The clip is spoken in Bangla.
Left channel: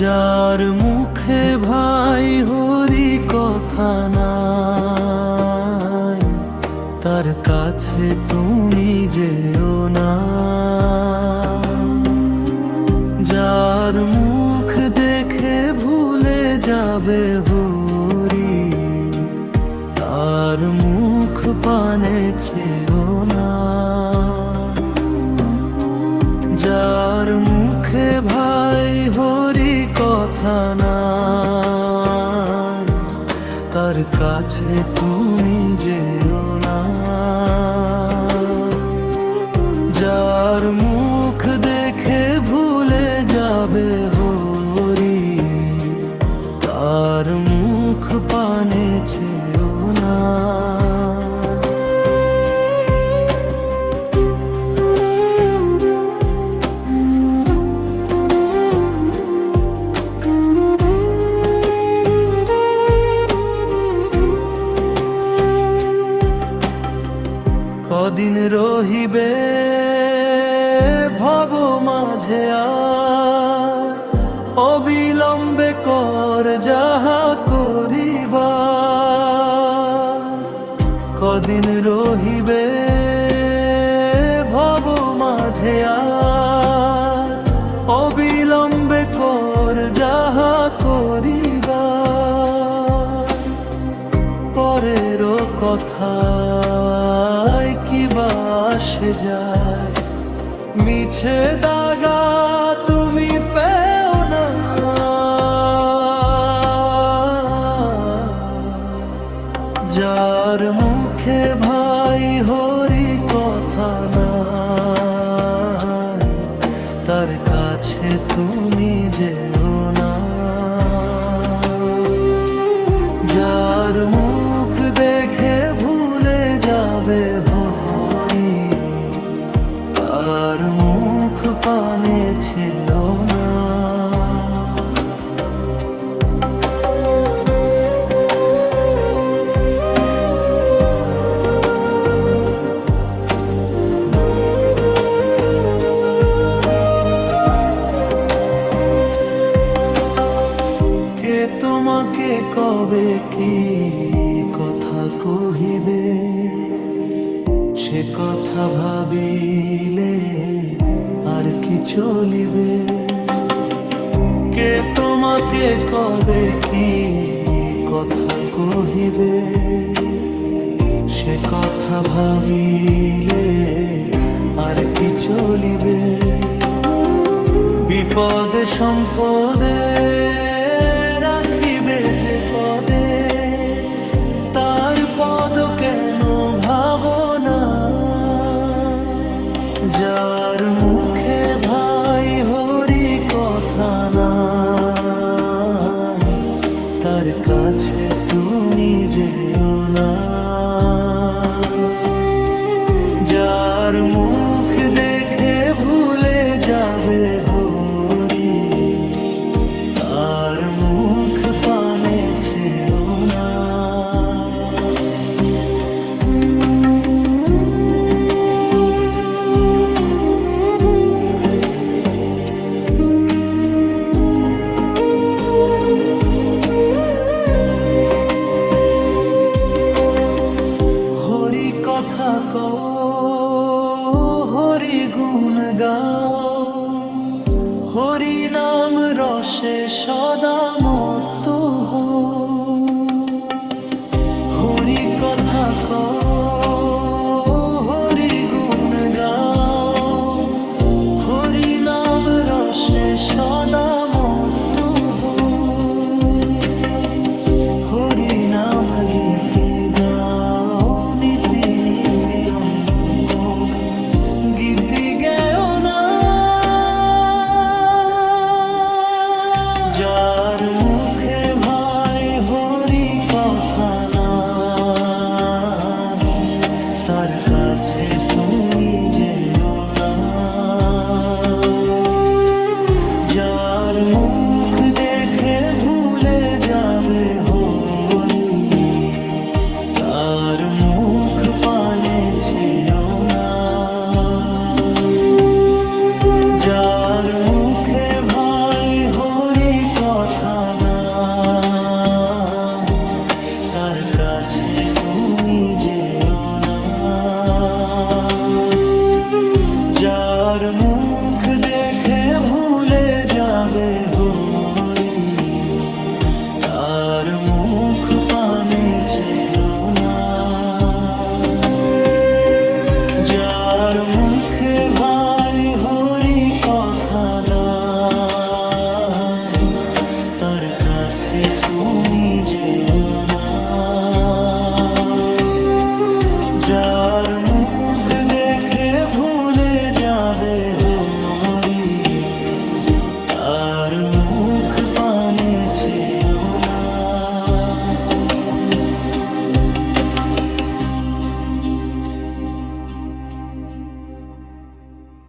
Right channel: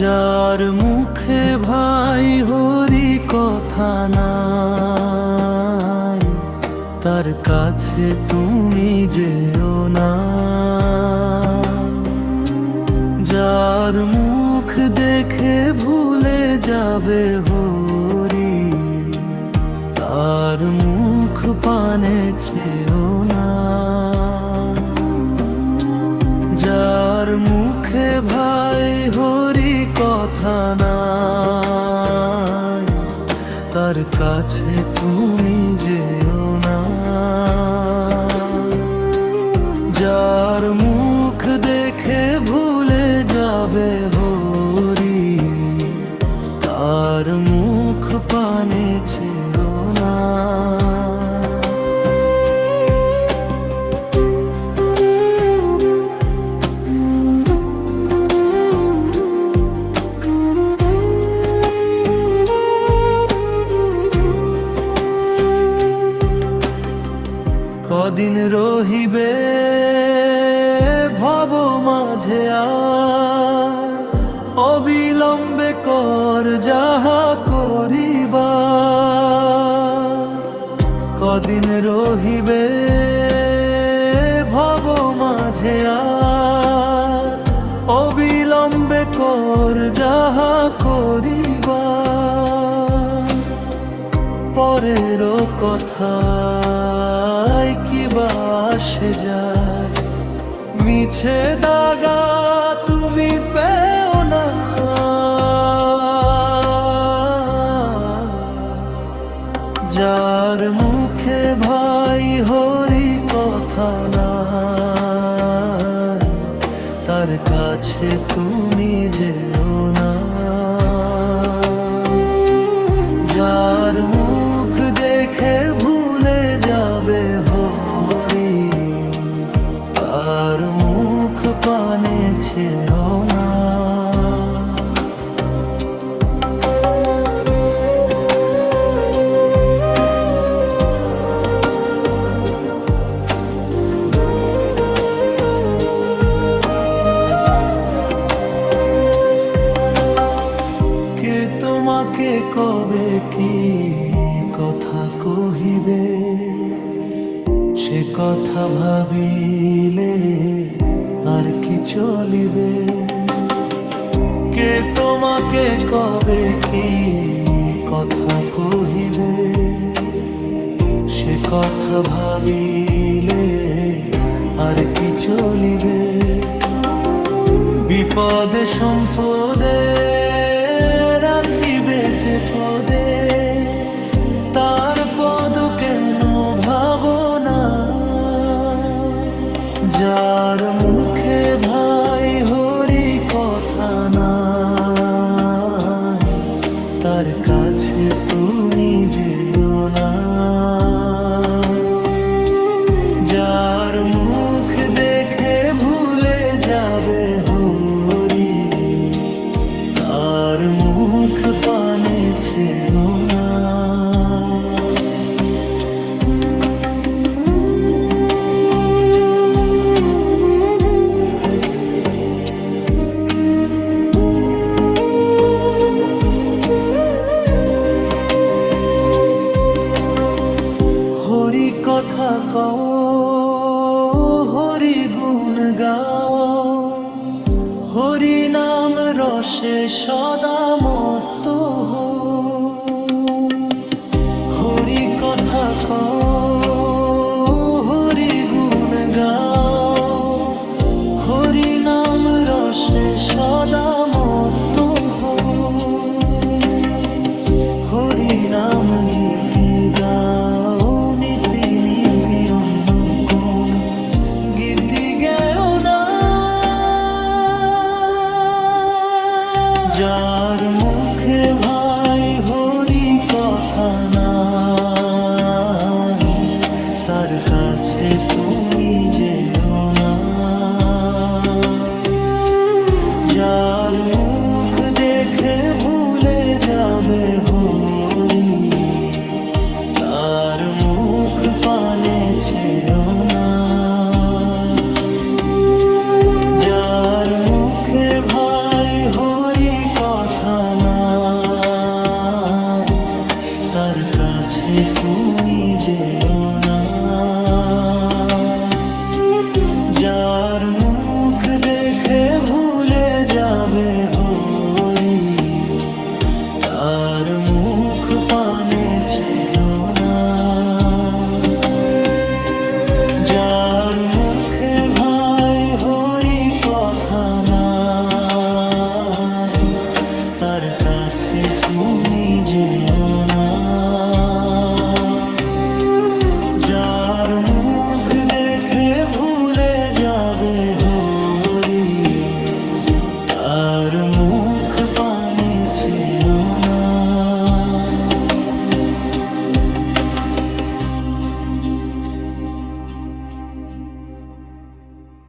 যার মুখে ভাই হরি কথা নাই, তার কাছে তুমি যেও না। যার মুখ দেখে ভুলে যাবে হরি, তার মুখ পানে চেও না। যার মুখে ভাই হরি কথা নাই, তার কাছে তুমি যেও না। যার মুখ দেখে ভুলে যাবে হরি, তার মুখ পানে চেও না। কদিন রহিবে ভব মাঝে আর, অবিলম্বে কর যাহা করিবার। কদিন রহিবে ভব মাঝে আর, অবিলম্বে কর যাহা করিবার। পরের কথায় কি বা আসে যায়, মিছে দাগা তুমি পেও না। যার মুখে ভাই হরি কথা নাই, তার কাছে তুমি যেও না। যার মুখ দেখে ভুলে যাবে হরি, তার মুখ পানে চেও না। কে তোমাকে কবে কি কথা কহিবে, সে কথা ভাবিলে আর কি চলিবে। কে তোমাকে কবে কি কথা কহিবে, সে কথা ভাবিলে আর কি চলিবে। বিপদে সম্পদে রাখিবে যে পদে, তার পদ কেন ভাবনা। যার মুখে ভাই হরি কথা নাই, তার কাছে তুমি যেও না। যার মুখ দেখে ভুলে যাবে হরি, তার মুখ পানে চেও না। হরি কথা কও, হরি গুণ গাও, হরি নাম রসে সদা মত্ত হও। হরি কথা কও, হরি গুণ গাও, হরি নাম রসে সদা মত্ত হও। হরি নাম গীতি গাও, নীতি নীতি অন্য কোন গীতি গেও না। যার মুখে ভাই হরি কথা নাই, তার কাছে তুমি যেও না। যার মুখ দেখে ভুলে যাবে হরি, তার মুখ পানে চেও না। যার মুখে ভাই হরি কথা নাই, তার কাছে তুমি যেও না। যার মুখ দেখে ভুলে যাবে হরি, তার মুখ পানে চেও না। যার মুখে ভাই হরি কথা নাই, তার কাছে তুমি যেও না। যার মুখ দেখে ভুলে যাবে হরি, তার মুখ পানে চেও না।